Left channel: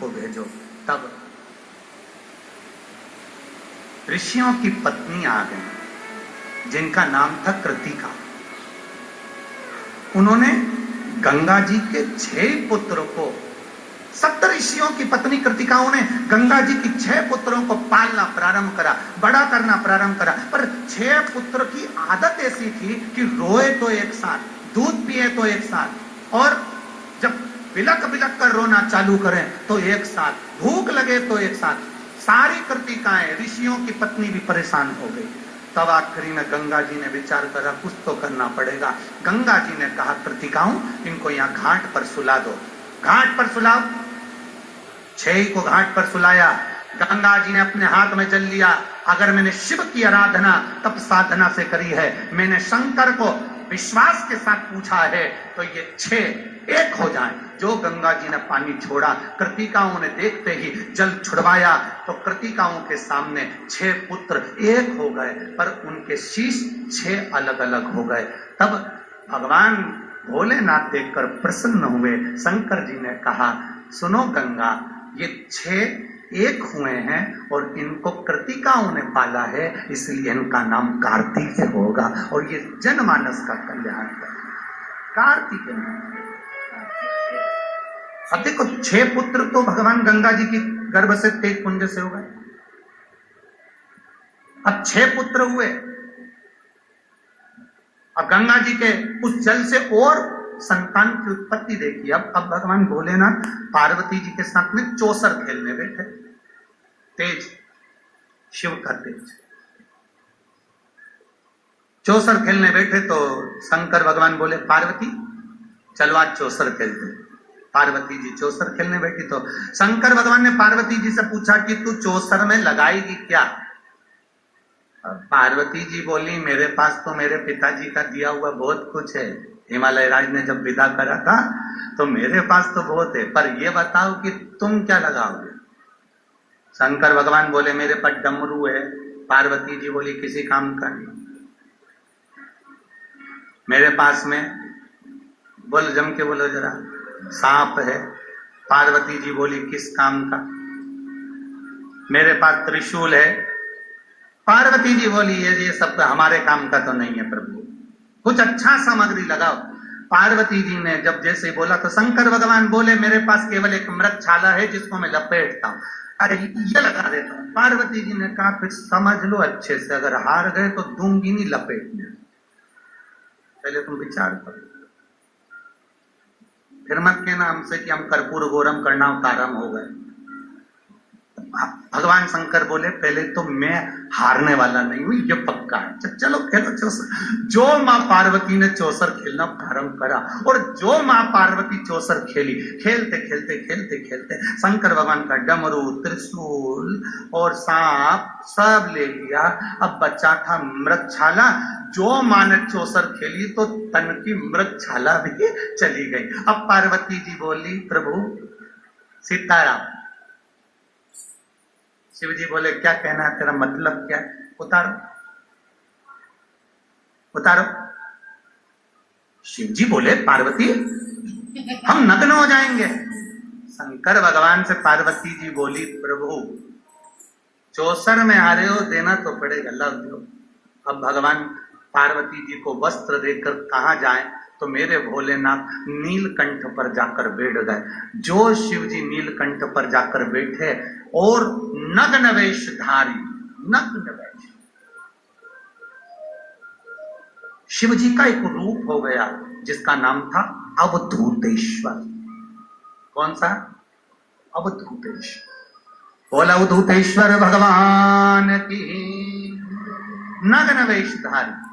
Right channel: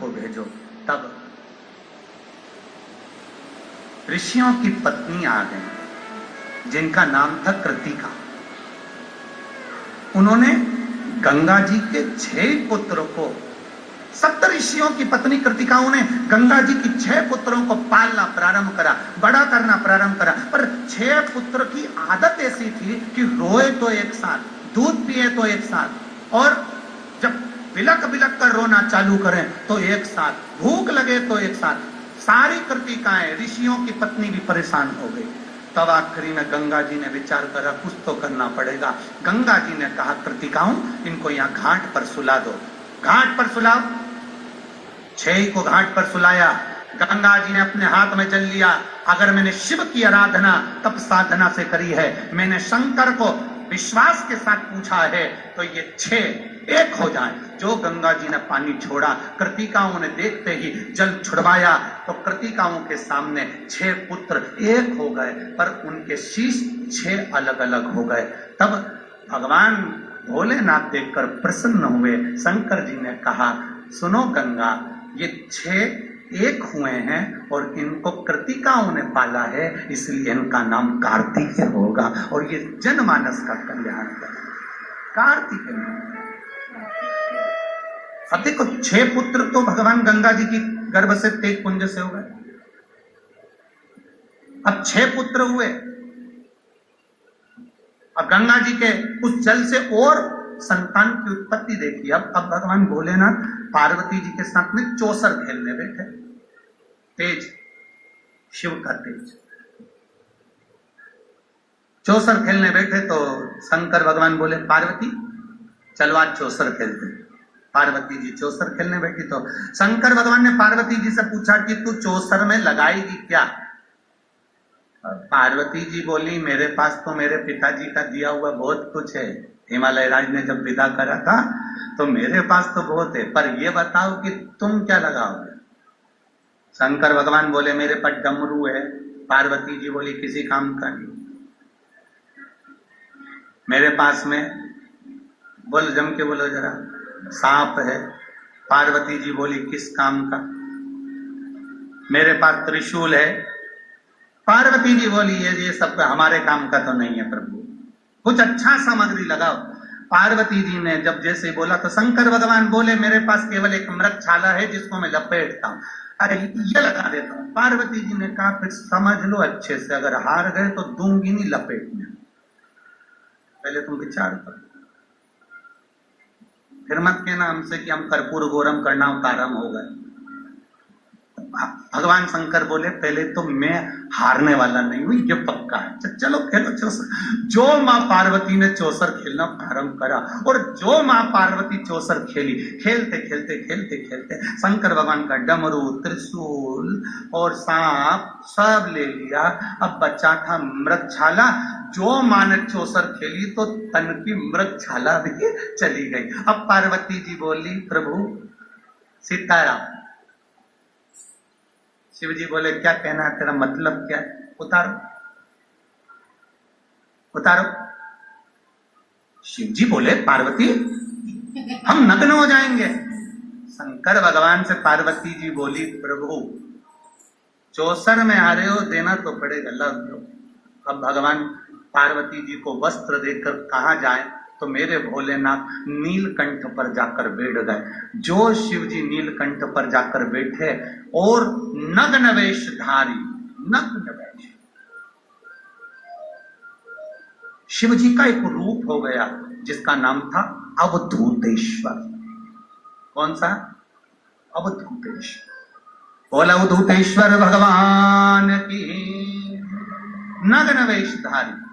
हमको भेजो। तब ऋषियों की पत्नी आ गई जिनका नाम था कृतिका। उन्होंने गंगा जी के 6 पुत्रों को, 7 ऋषियों की पत्नी कृतिकाओं ने गंगा जी की 6 पुत्रों को पालना प्रारंभ करा, बड़ा करना प्रारंभ करा। पर 6 पुत्र की आदत ऐसी थी कि रोए तो एक साथ, दूध पिए तो एक साथ, और जब बिलक बिलक कर रोना चालू करें तो एक साथ, भूख लगे तो एक साथ। सारी कृतिकाएं, ऋषियों की पत्नी भी परेशान हो गई। तब आखिरी में गंगा जी ने विचार करा कुछ तो करना पड़ेगा। गंगा जी ने कहा कृतिकाओं, इनको यहाँ घाट पर सुला दो, घाट पर सुलाओ। 6 को घाट पर सुलाया। गंगा जी ने अपने हाथ में जल लिया। अगर मैंने शिव की आराधना तप साधना से करी है, मैंने शंकर को विश्वास के साथ पूछा है, तो ये 6 एक हो जाए। जो गंगा जी ने पानी छोड़ा, कृतिकाओं ने देखते ही जल छुड़वाया तो कृतिकाओं के सामने 6 पुत्र एक हो गए, पर उनके शीश 6 अलग अलग हो गए। तब भगवान भोलेनाथ देखकर प्रसन्न हुए। शंकर जी ने कहा सुनो गंगा, ये 6 एक हुए हैं और इनको कृतिकाओं ने पाला है, इसलिए इनका नाम कार्तिकेय होगा और ये जनमानस का कल्याण करेगा। कार्तिकेय। अब देखो 6 पुत्र तो भगवान गंगा जी की गर्भ से तेज पुंज से हो गए। अब 6 पुत्र हुए। अब गंगा जी के उस जल से और संतान की उत्पत्ति देखी। अब भगवान भोलेनाथ पार्वती जी के साथ में चौसर खेलने बैठे। तेज, शिव का तेज। चौसर खेलने बैठे तो शंकर भगवान बोले पार्वती चलो आज चौसर खेलते। पार्वती जी चौसर खेलने बैठी तो शंकर भगवान ने पार्वती जी से पूछा कि तू चौसर में लगाएगी क्या? पार्वती जी बोली मेरे पास तो मेरे पिताजी का दिया हुआ बहुत कुछ है। हिमालय राज ने जब विदा करा था तो मेरे पास तो बहुत है, पर ये बताओ कि तुम क्या लगाओगे? शंकर भगवान बोले मेरे पास डमरू है। पार्वती जी बोली किसी काम का नहीं। मेरे पास में, बोल जम के बोलो जरा, सांप है। पार्वती जी बोली किस काम का? मेरे पास त्रिशूल है। पार्वती जी बोली ये सब हमारे काम का तो नहीं है प्रभु, कुछ अच्छा सामग्री लगाओ। पार्वती जी ने जब जैसे बोला तो शंकर भगवान बोले मेरे पास केवल एक मृगछाला है जिसको मैं लपेटता हूं, अरे ये लगा देता हूं। पार्वती जी ने कहा फिर समझ लो अच्छे से, अगर हार गए तो दूंगी नहीं लपेटने, पहले तुम विचार करो। फिर मत कहना हमसे कि हम कर्पूर गौरम करना कारम हो गए। भगवान शंकर बोले पहले तो मैं हारने वाला नहीं हूं, ये पक्का है। चलो खेलो चौसर। जो मां पार्वती ने चौसर खेलना प्रारंभ करा और जो मां पार्वती चौसर खेली, खेलते खेलते खेलते खेलते शंकर भगवान का डमरू, त्रिशूल और सांप सब ले लिया। अब बचा था मृगछाला। जो मां ने चौसर खेली तो तन की मृगछाला भी चली गई। अब पार्वती जी बोली प्रभु सीताराम। शिव जी बोले क्या कहना है तेरा, मतलब क्या? उतारो उतारो। शिव जी बोले पार्वती हम नग्न हो जाएंगे। शंकर भगवान से पार्वती जी बोली प्रभु चौसर में आ रहे हो, देना तो पड़ेगा, लो दो। अब भगवान पार्वती जी को वस्त्र देकर कहां जाए तो मेरे भोलेनाथ नीलकंठ पर जाकर बैठ गए। जो शिव जी नीलकंठ पर जाकर बैठे और नग्न वेशधारी, नग्न वेश, शिव जी का एक रूप हो गया जिसका नाम था अवधूतेश्वर। कौन सा? अवधूतेश्वर। बोला अवधूतेश्वर भगवान की। नग्न वेशधारी